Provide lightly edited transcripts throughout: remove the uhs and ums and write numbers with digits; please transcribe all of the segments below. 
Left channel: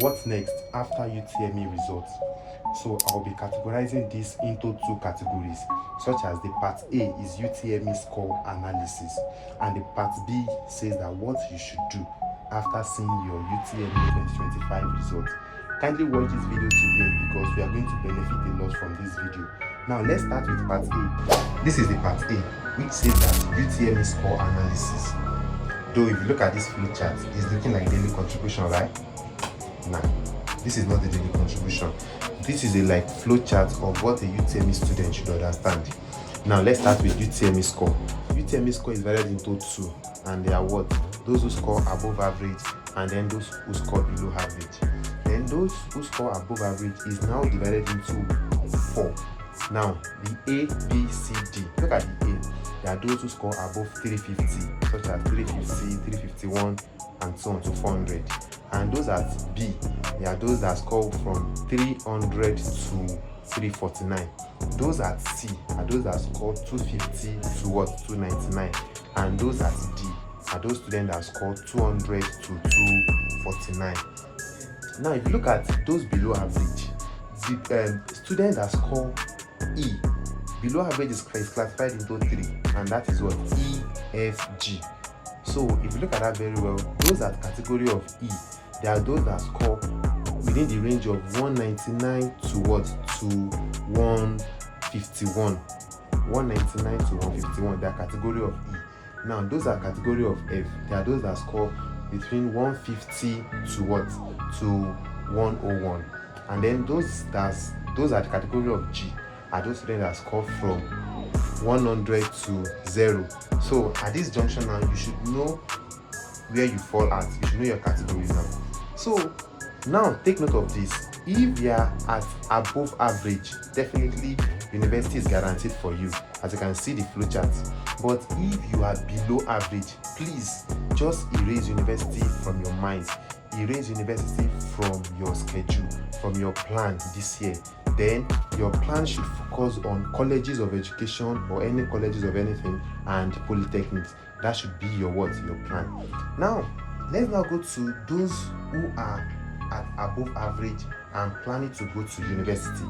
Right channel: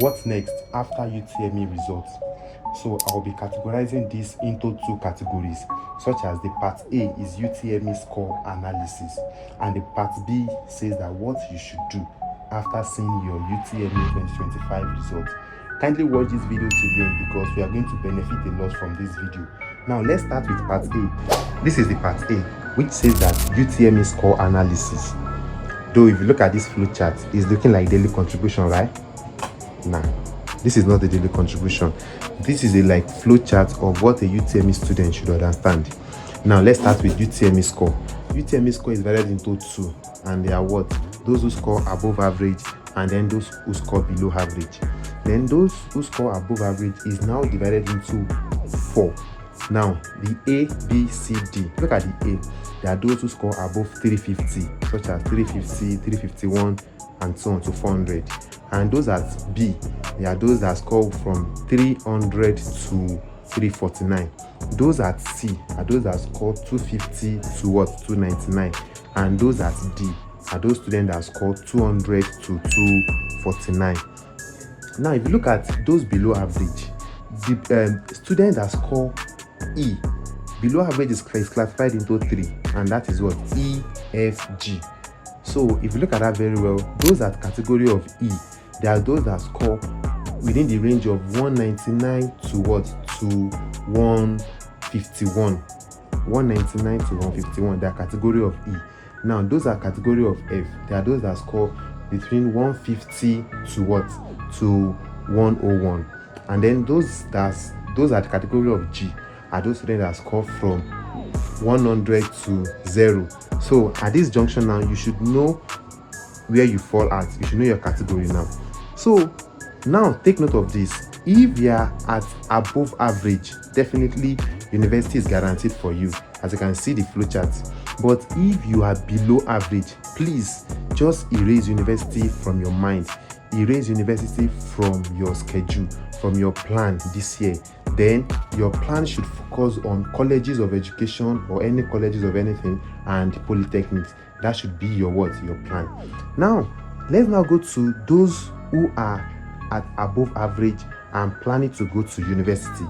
What's next after UTME results? So I'll be categorizing this into two categories, such as the part A is UTME score analysis, and the part B says that what you should do after seeing your UTME 2025 results. Kindly watch this video to the end because we are going to benefit a lot from this video. Now let's start with part A. This is the part A, which says that UTME score analysis. Though if you look at this flowchart, it's looking like daily contribution, right? Now, this is not the daily contribution. This is a flowchart of what a UTME student should understand. Now, let's start with UTME score. UTME score is divided into two, and they are what? Those who score above average, and then those who score below average. Then those who score above average is now divided into four. Now, the A, B, C, D. Look at the A. There are those who score above 350, such as 350, 351, and so on to 400. And those at B, there are those that score from 300 to 349. Those at C are those that score 250 to what? 299. And those at D are those students that score 200 to 249. Now, if you look at those below average, the students that score E, below average is classified into three, and that is what? E, F, G. So if you look at that very well, those at category of E, there are those that score within the range of 199 to what? To 151. 199 to 151, they are category of E. Now those are category of F. There are those that score between 150 to what? To 101. And then those are the category of G are those students that score from 100 to 0. So at this junction now, you should know where you fall at. You should know your category now. So now take note of this. If you are at above average, definitely university is guaranteed for you, as you can see the flowchart. But if you are below average, please just erase university from your mind. Erase university from your schedule, from your plan this year. Then your plan should focus on colleges of education or any colleges of anything and polytechnics. That should be your plan. Now let's now go to those who are at above average and planning to go to university.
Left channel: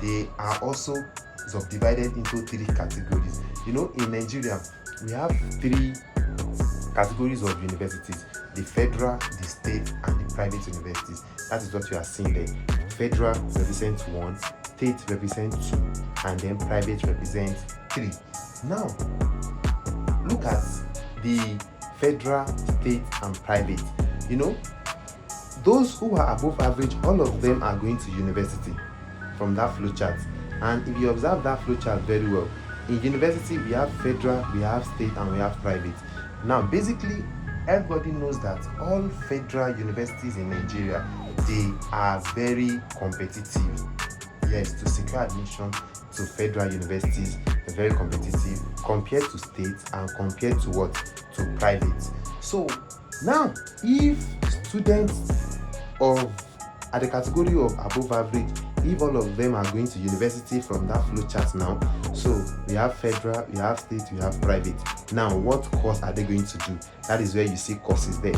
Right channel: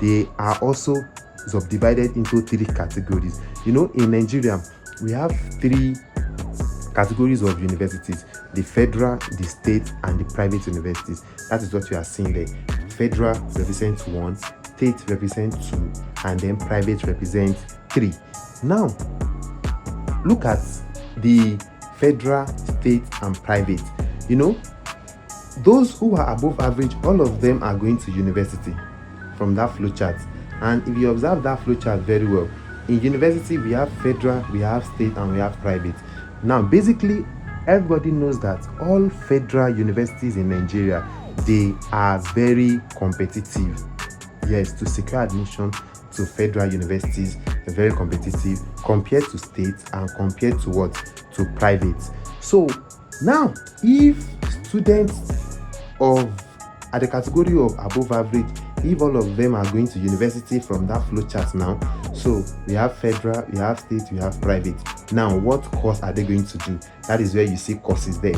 They are also subdivided into three categories. In Nigeria, we have three categories of universities: the federal, the state, and the private universities. That is what you are seeing there. Federal represents 1, state represents 2, and then private represents 3. Now, look at the federal, state, and private. Those who are above average, all of them are going to university from that flowchart. And if you observe that flowchart very well, in university we have federal, we have state, and we have private. Now, basically, everybody knows that all federal universities in Nigeria, they are very competitive. Yes, to secure admission to federal universities, they're very competitive compared to state and compared to what? To private. So now, if students at the category of above average, if all of them are going to university from that flowchart now, so we have federal, we have state, we have private. Now, what course are they going to do? That is where you see courses there.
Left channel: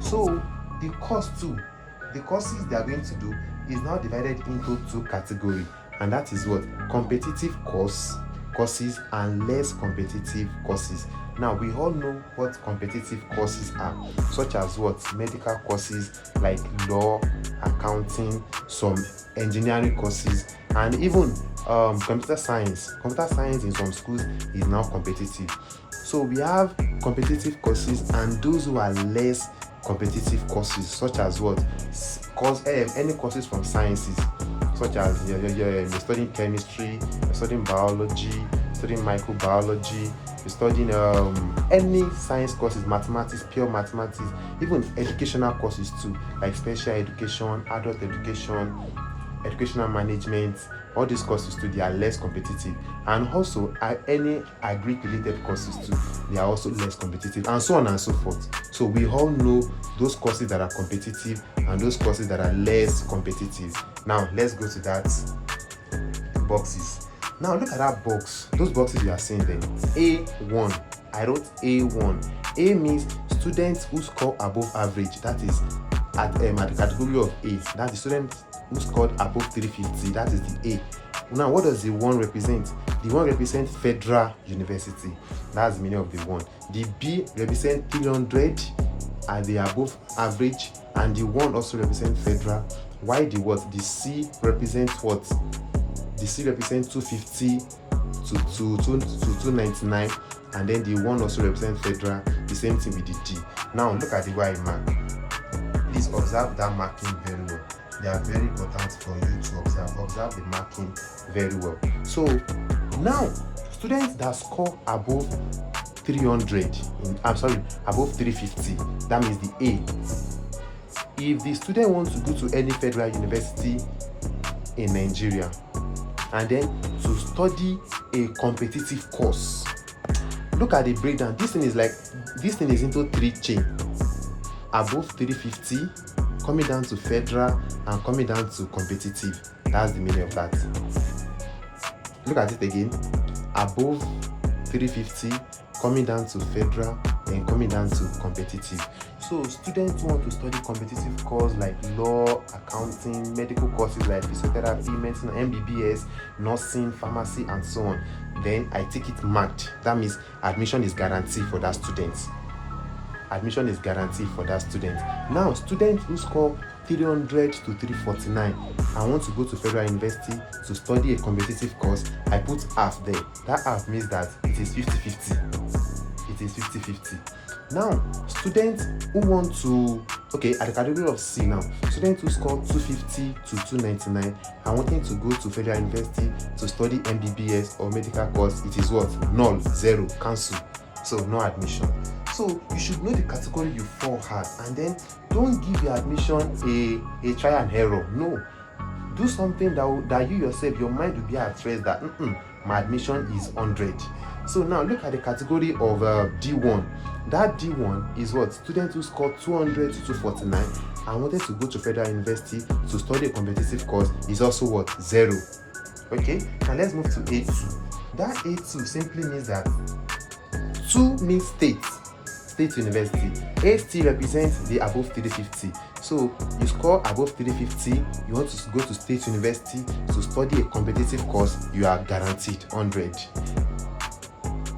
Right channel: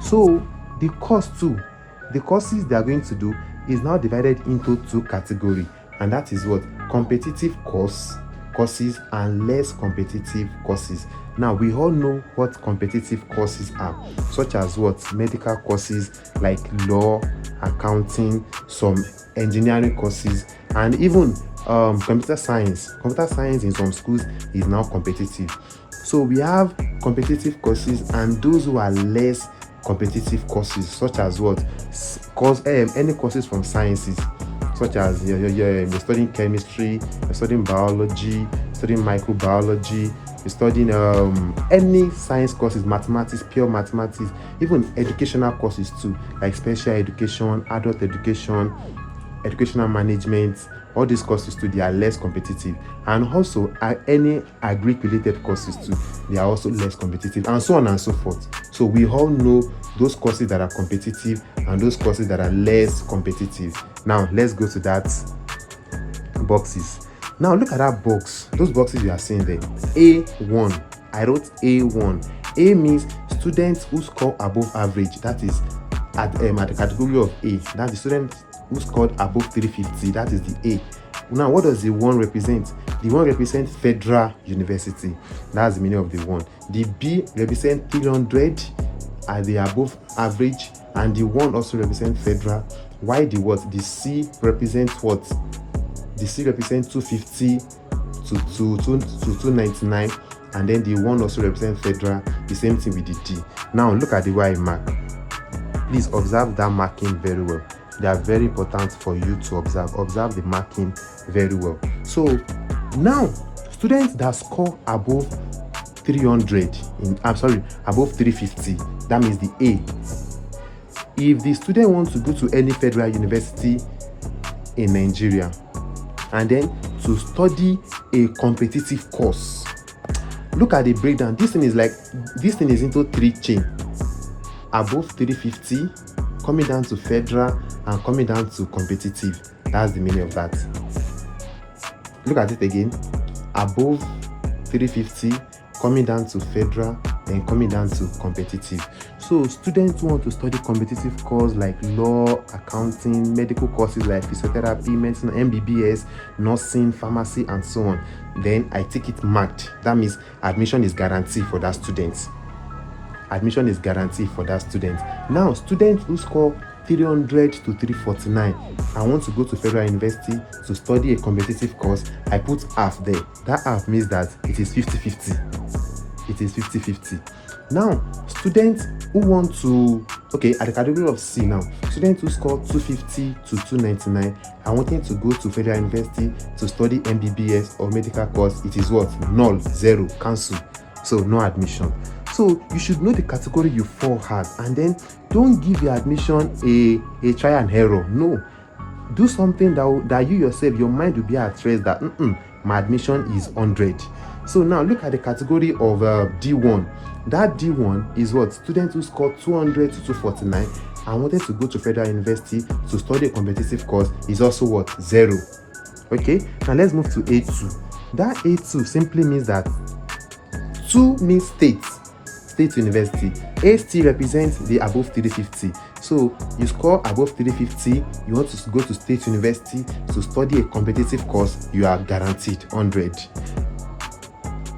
So the courses they are going to do is now divided into two categories, and that is what? Competitive courses and less competitive courses. Now, we all know what competitive courses are, such as what? Medical courses like law, accounting, some engineering courses, and even computer science. Computer science in some schools is now competitive. So we have competitive courses and those who are less competitive courses, such as what? Any courses from sciences, such as you're studying chemistry, you're studying biology, studying microbiology, you're studying any science courses, mathematics, pure mathematics, even educational courses too, like special education, adult education, educational management. All these courses too, they are less competitive. And also any agric related courses too, they are also less competitive, and so on and so forth. So we all know those courses that are competitive and those courses that are less competitive. Now let's go to that boxes. Now look at that box. Those boxes you are seeing there. A1. I wrote A1. A means students who score above average. That is the category of A, that's the student who scored above 350, that is the A. Now, what does the 1 represent? The 1 represents federal university. That's the meaning of the 1. The B represents 300 at the above average, and the 1 also represents federal. Why the what? The C represents what? The C represents 250 to 299, and then the 1 also represents federal. The same thing with the D. Now look at the way I mark. Please observe that marking very well. They are very important for you to observe. Observe the marking very well. So now, students that score above 300 above 350, that means the A. If the student wants to go to any federal university in Nigeria and then to study a competitive course, look at the breakdown. This thing is into 3 chain: above 350, coming down to federal, and coming down to competitive. That's the meaning of that. Look at it again: above 350, coming down to federal, and coming down to competitive. So students who want to study competitive courses like law, accounting, medical courses like physiotherapy, medicine, MBBS, nursing, pharmacy, and so on, then I take it marked. That means admission is guaranteed for that student. Admission is guaranteed for that student. Now, students who score 300 to 349 and want to go to federal university to study a competitive course, I put half there. That half means that it is 50-50. It is 50-50. Now, students who want to, at the category of C now, students who score 250 to 299 and wanting to go to federal university to study MBBS or medical course, it is what? Null, 0, cancel. So no admission. So you should know the category you fall at, and then don't give your admission a try and error. No, do something that you yourself, your mind will be at rest that my admission is 100. So now look at the category of D1. That D1 is what? Students who score 200 to 249 and wanted to go to federal university to study a competitive course is also what? 0. Okay, now let's move to A2. That A2 simply means that 2 means state university. A still represents the above 350. So you score above 350, you want to go to state university to study a competitive course, you are guaranteed 100.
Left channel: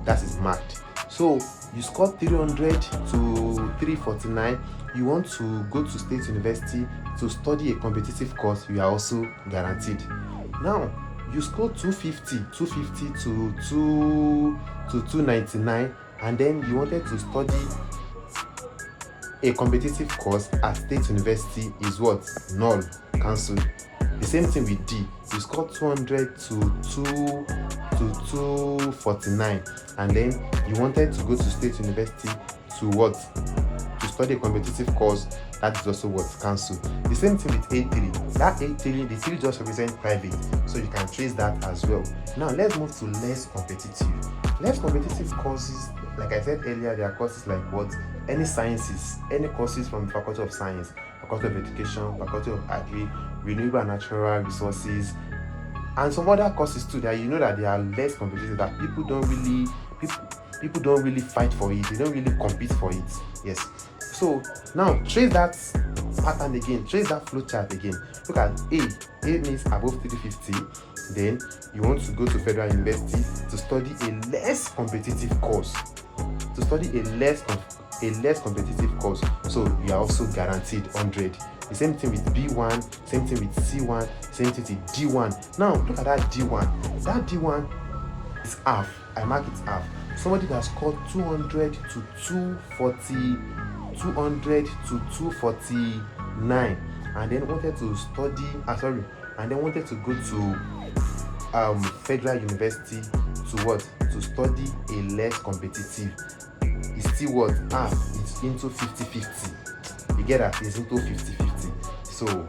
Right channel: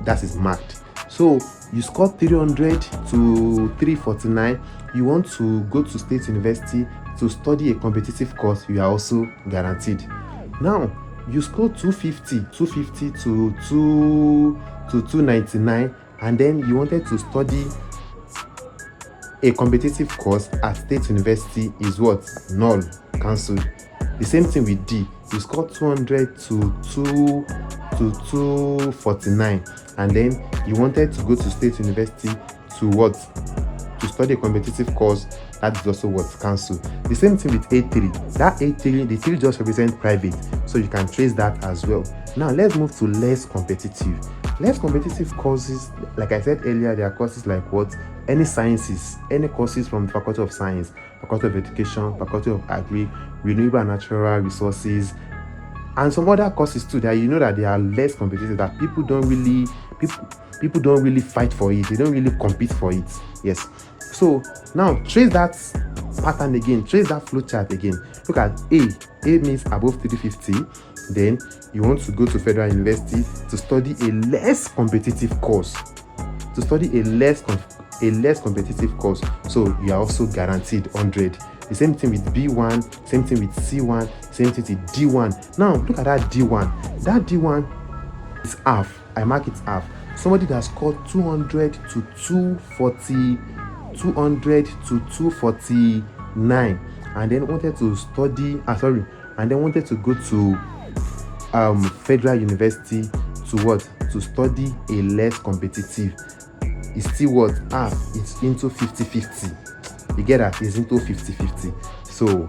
That is marked. So you score 300 to 349, you want to go to state university to study a competitive course, you are also guaranteed. Now you score 250 to 299, and then you wanted to study a competitive course at state university is what? Null, cancelled. The same thing with D. You score 200 to 249, and then you wanted to go to state university to what? To study a competitive course, that is also what? Cancelled. The same thing with A3. That A3, the 3 just represent private, so you can trace that as well. Now let's move to less competitive. Less competitive courses, like I said earlier, there are courses like what? Any sciences, any courses from the Faculty of Science, Faculty of Education, Faculty of Agri, Renewable and Natural Resources, and some other courses too that you know that they are less competitive, that people don't really fight for it, they don't really compete for it. Yes. So now trace that pattern again, trace that flow chart again. Look at A. A means above 350. Then you want to go to federal university to study a less competitive course. To study a less competitive course. So you are also guaranteed 100. The same thing with B1, same thing with C1, same thing with D1. Now look at that D1. That D1 is half. I mark it half. Somebody that scored 200 to 240, 200 to 249, and then wanted to study. And then wanted to go to federal university to what? To study a less competitive. It's still what? It's into 50-50. You get that? It's into 50-50. So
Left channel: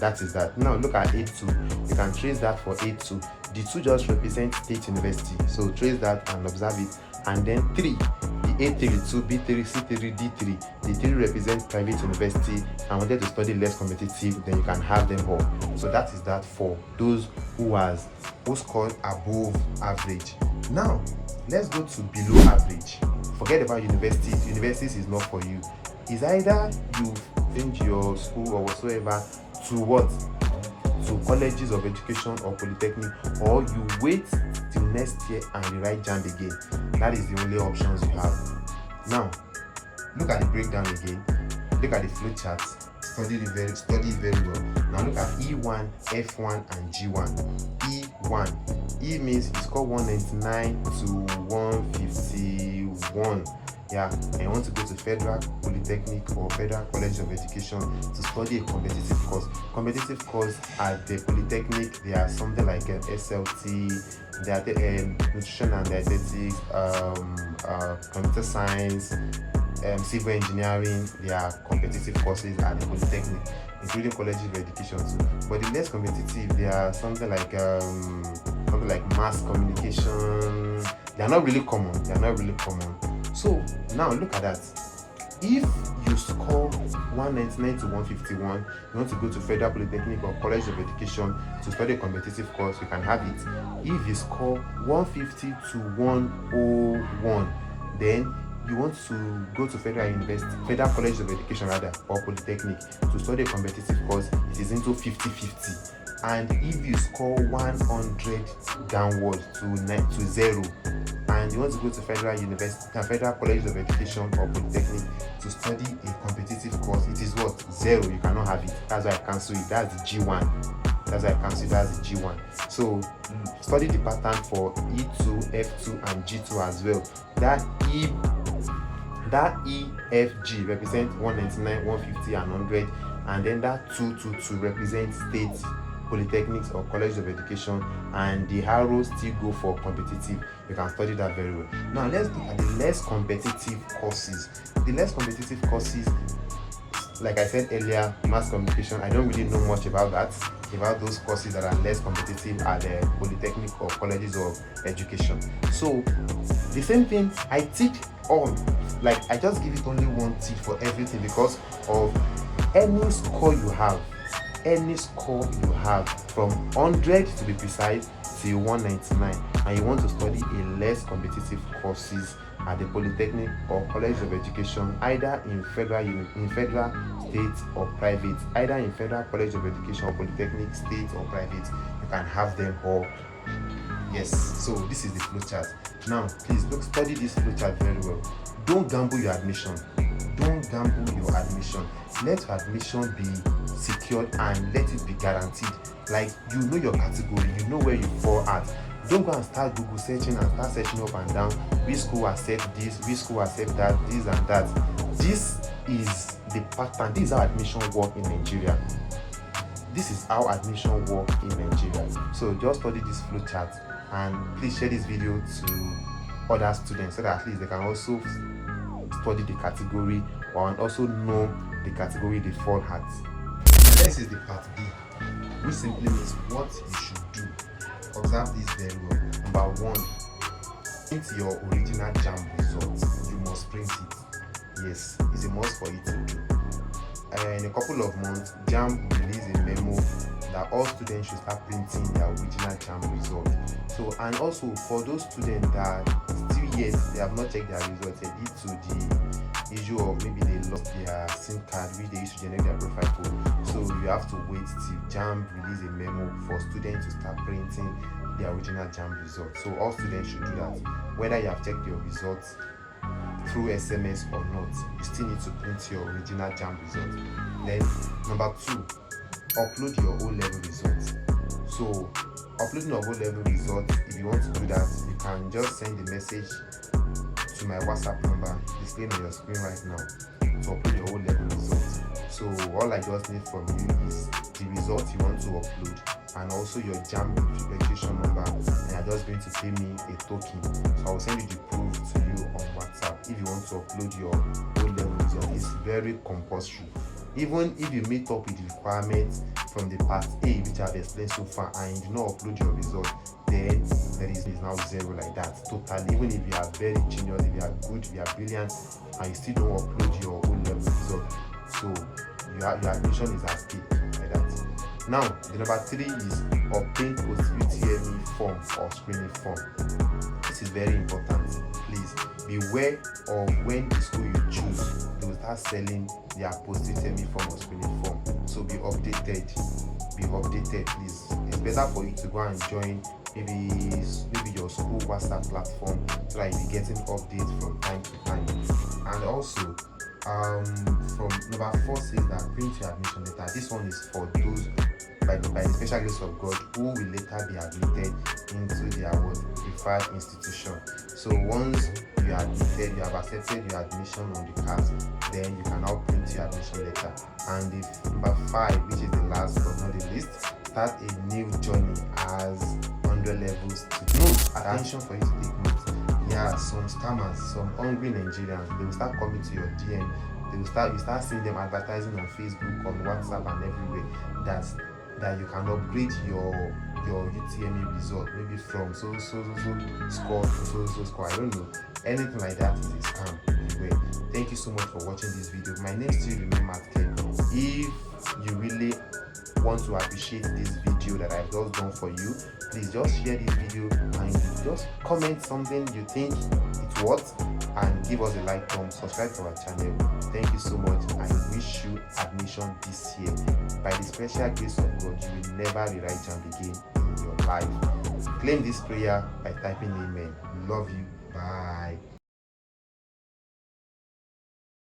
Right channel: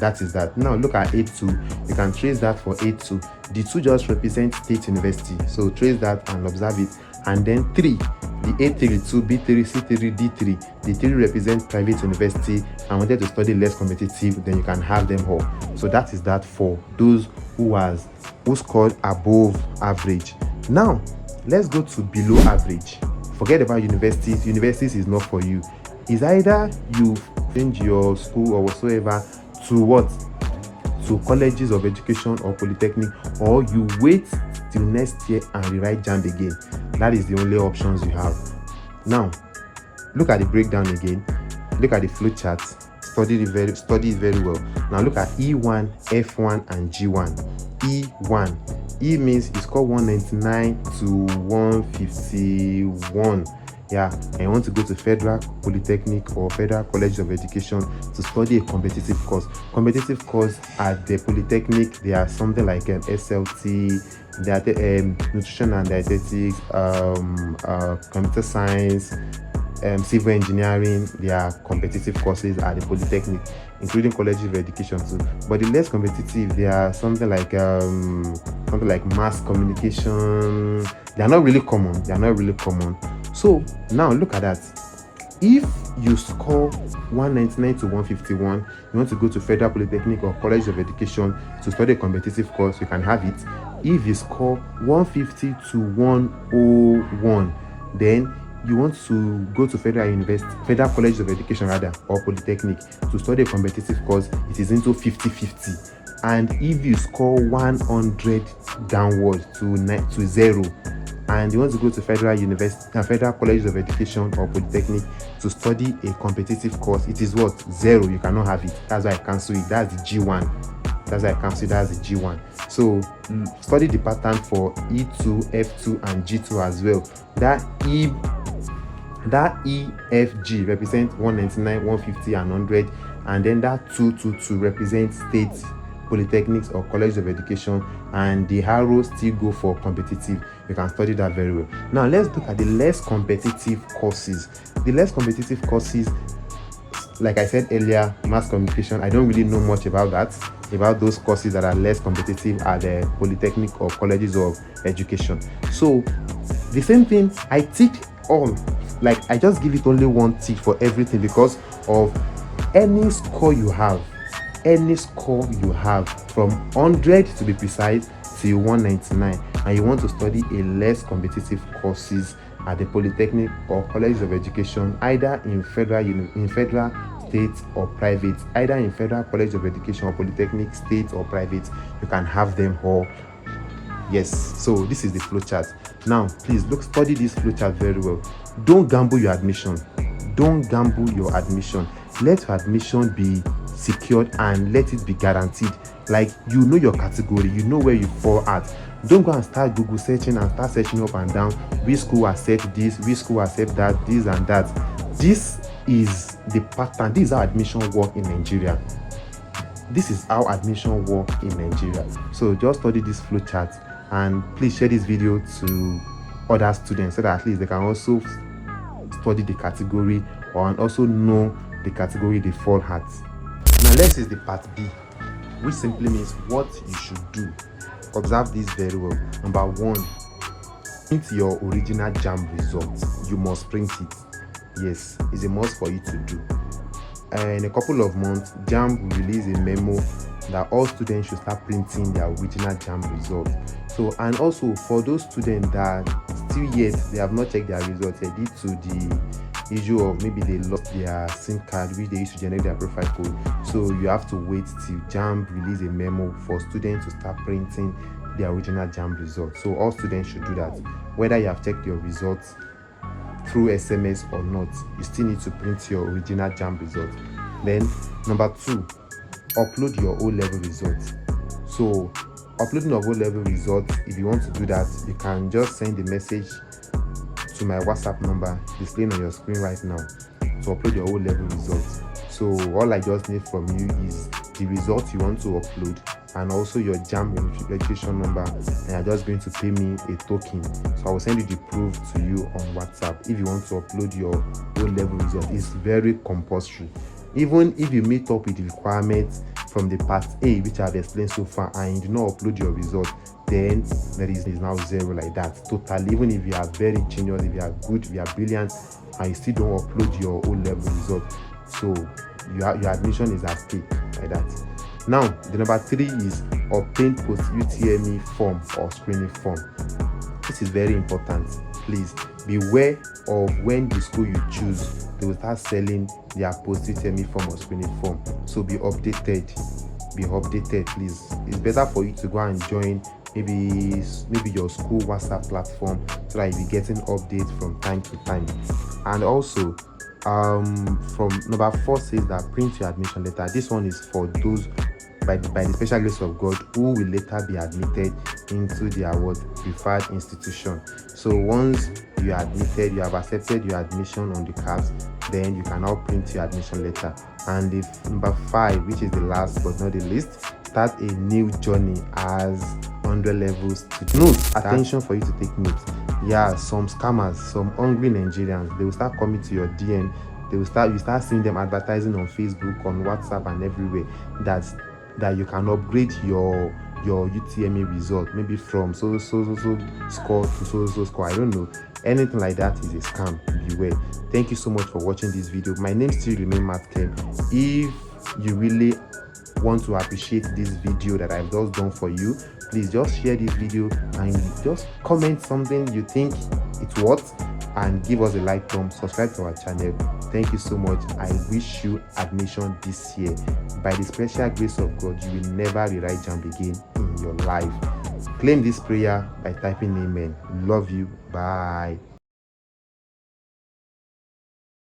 that is that. Now look at A2. You can trace that for A2. The 2 just represent state university. So trace that and observe it. And then 3, the A3, 2, B3, C3, D3. The 3 represents private university and wanted to study less competitive, then you can have them all. So that is that for those who scored above average. Now let's go to below average. Forget about universities. Universities is not for you. is either you change your school or whatsoever to what? To colleges of education or polytechnic, or you wait till next year and rewrite JAMB again. That is the only options you have. Now, look at the breakdown again. Look at the flow chart. Study it very well. Now look at E1, F1, and G1. E1. E means you score 199 to 151. Yeah, and you want to go to Federal Polytechnic or Federal College of Education to study a competitive course. Competitive course at the Polytechnic, they are something like an SLT, nutrition and dietetics, computer science, civil engineering. They are competitive courses at the Polytechnic, including colleges of education too. But the less competitive, they are something like mass communication. They are not really common. So now look at that. If you score 199 to 151, you want to go to Federal Polytechnic or College of Education to study a competitive course, you can have it. If you score 150 to 101, then you want to go to Federal College of Education or Polytechnic to study a competitive course, it is into 50-50. And if you score 100 downwards to 0, and you want to go to Federal College of Education or Polytechnic to study a competitive course, it is what? 0. You cannot have it. That's why I cancel it. That's the G1. That's the G1. So study the pattern for E2, F2, and G2 as well. That EFG represents 199, 150, and 100, and then that 222 represents state polytechnics or college of education, and the arrows still go for competitive. You can study that very well. Now let's look at the less competitive courses. The less competitive courses, like I said earlier, mass communication, I don't really know much about those courses that are less competitive at the polytechnic or colleges of education. So the same thing I teach all, like I just give it only one tip for everything, because of any score you have from 100 to be precise till 199, and you want to study a less competitive courses at the polytechnic or college of education, either in federal, state, or private, either in Federal College of Education or Polytechnic, state or private, you can have them all. Yes, so this is the flowchart. Now please study this flowchart very well. Don't gamble your admission. Let your admission be secured and let it be guaranteed. Like, you know your category, you know where you fall at. Don't go and start Google searching and start searching up and down which school accept this, which school accept that, this and that. This is the pattern. This is how admission work in Nigeria. So just study this flowchart, and please share this video to other students so that at least they can also study the category and also know the category they fall at. Now next is the part B, which simply means what you should do. Observe this very well. Number 1, print your original JAMB results. You must print it. Yes, it's a must for you to do. In a couple of months, JAMB will release a memo that all students should start printing their original JAMB results. So, and also for those students that still yet they have not checked their results due to the issue of maybe they lost their SIM card which they used to generate their profile code. So you have to wait till JAMB release a memo for students to start printing their original JAMB results. So all students should do that. Whether you have checked your results through SMS or not, you still need to print your original JAMB result. Then number 2, upload your O-level results. So uploading your O-level results, if you want to do that, you can just send a message to my WhatsApp number displaying on your screen right now to upload your O-level results. So all I just need from you is the results you want to upload and also your JAMB registration number, and you're just going to pay me a token. So I will send you the proof to you on WhatsApp. If you want to upload your O-level result, it's very compulsory. Even if you meet up with the requirements from the part A, which I've explained so far, and you do not upload your result, then there is now 0 like that. Totally, even if you are very genius, if you are good, if you are brilliant, and you still don't upload your O-level result, so your admission is at stake like that. Now, the number 3 is obtain post UTME form or screening form. This is very important. please beware of when the school you choose, they will start selling their post UTME form or screening form. So be updated, please. It's better for you to go and join maybe your school WhatsApp platform, so that you'll be getting updates from time to time. And also from number 4 says that print your admission letter. This one is for those by the special grace of God who will later be admitted into their preferred institution. So once you are admitted, you have accepted your admission on the class, then you can now print your admission letter. And the number 5, which is the last but not the least, start a new journey as 100 levels to note. Attention for you to take note. Yeah, some scammers, some hungry Nigerians, they will start coming to your DM. You start seeing them advertising on Facebook, on WhatsApp, and everywhere that you can upgrade your UTME result, maybe from so score to so score. I don't know. Anything like that is a scam. Beware. Thank you so much for watching this video. My name still remains Matt Ken. If you really want to appreciate this video that I've just done for you, please just share this video and just comment something you think it's worth, and give us a like button, subscribe to our channel. Thank you so much. I wish you admission this year. By the special grace of God, you will never rewrite JAMB again in your life. Claim this prayer by typing amen. Love you. Bye.